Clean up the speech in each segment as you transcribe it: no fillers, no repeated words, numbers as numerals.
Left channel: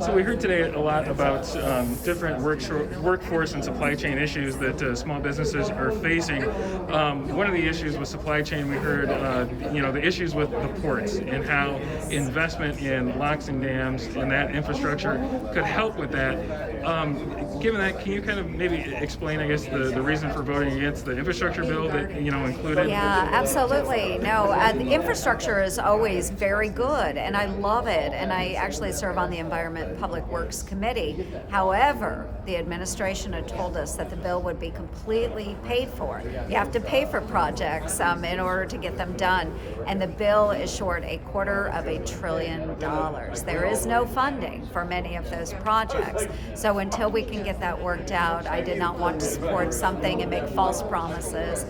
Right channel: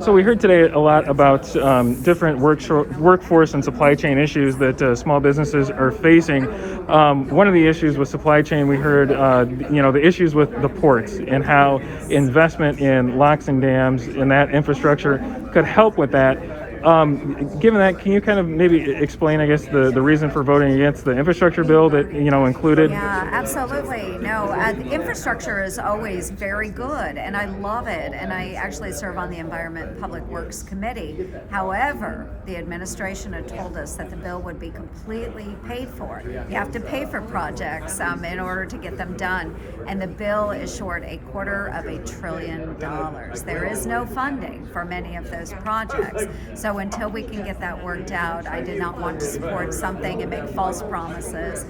So we heard today a lot about different workforce and supply chain issues that small businesses are facing. One of the issues with supply chain, we heard, the issues with the ports and how investment in locks and dams and that infrastructure could help with that. Given that, can you kind of maybe explain, I guess, the reason for voting against the infrastructure bill that, included? Yeah, absolutely. No, the infrastructure is always very good, and I love it. And I actually serve on the Environment and Public Works Committee. However, the administration had told us that the bill would be completely paid for. You have to pay for projects in order to get them done. And the bill is short $250 billion. There is no funding for many of those projects. So until we can get that worked out, I did not want to support something and make false promises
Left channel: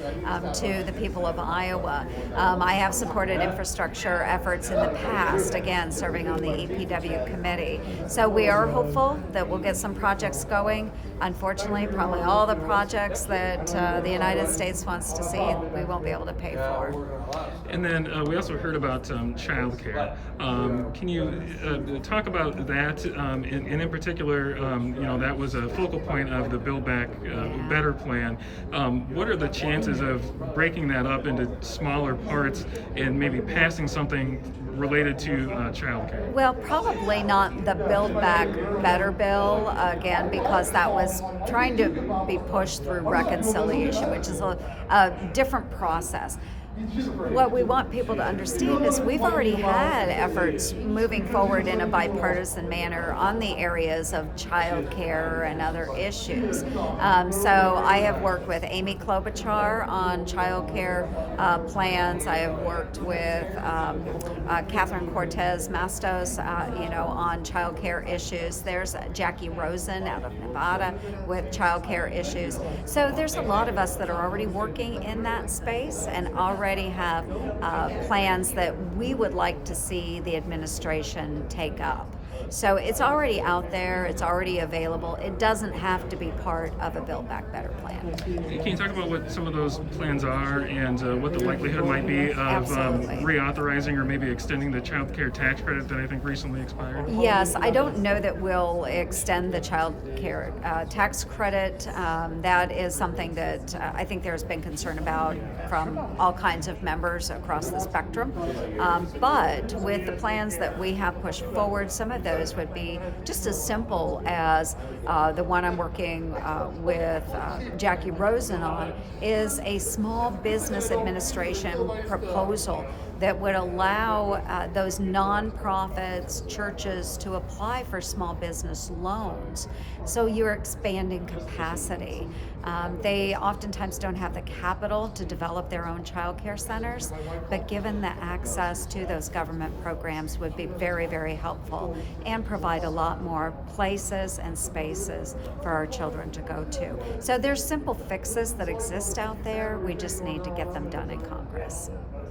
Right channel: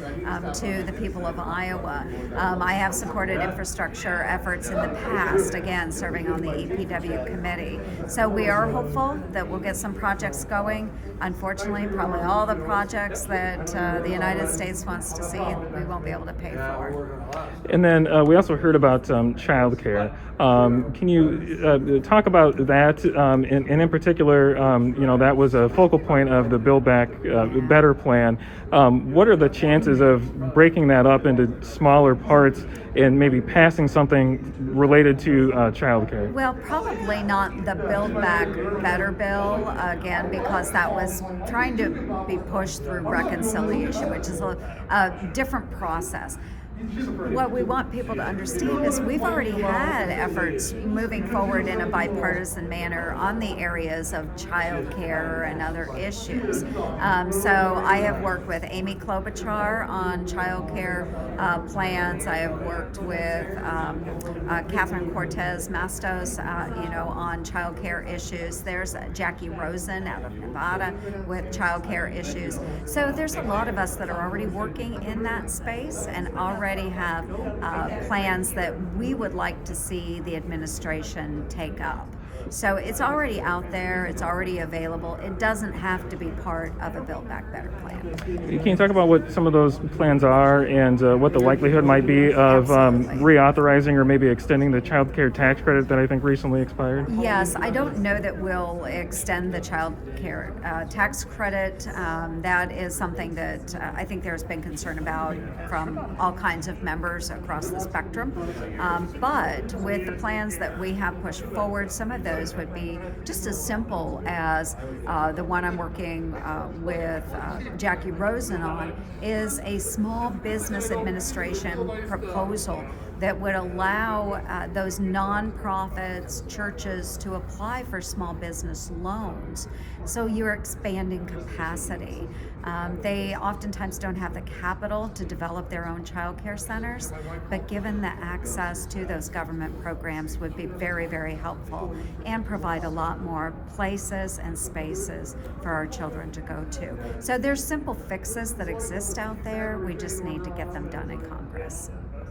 to the people of Iowa. I have supported infrastructure efforts in the past, again, serving on the EPW committee. So we are hopeful that we'll get some projects going. Unfortunately, probably all the projects that the United States wants to see, we won't be able to pay for. And then we also heard about child care. Can you talk about that? And in particular, that was a focal point of the Build Back Better plan. What are the chances of breaking that up into smaller parts and maybe passing something related to child care? Well, probably not the Build Back Better bill, again, because that was trying to be pushed through reconciliation, which is a different process. What we want people to understand is we've already had efforts moving forward in a bipartisan manner on the areas of child care and other issues. So I have worked with Amy Klobuchar on child care plans. I have worked with Catherine Cortez Mastos, on child care issues. There's Jackie Rosen out of Nevada with child care issues. So there's a lot of us that are already working in that space and already have plans that we would like to see the administration take up. So it's already out there, it's already available. It doesn't have to be part of a Build Back Better plan. Can you talk about what some of those plans are and what the likelihood might be of reauthorizing or maybe extending the child care tax credit that I think recently expired? Yes, I don't know that we'll extend the child care tax credit. That is something that I think there's been concern about from all kinds of members across the spectrum. But with the plans that we have pushed forward, some of those would be just as simple as the one I'm working with Jackie Rosen on is a small business administration proposal that would allow those nonprofits, churches to apply for small business loans. So you're expanding capacity. They oftentimes don't have the capital to develop their own child care centers, but given the access to those government programs would be very, very helpful and provide a lot more places and spaces for our children to go to. So there's simple fixes that exist out there. We just need to get them done in Congress.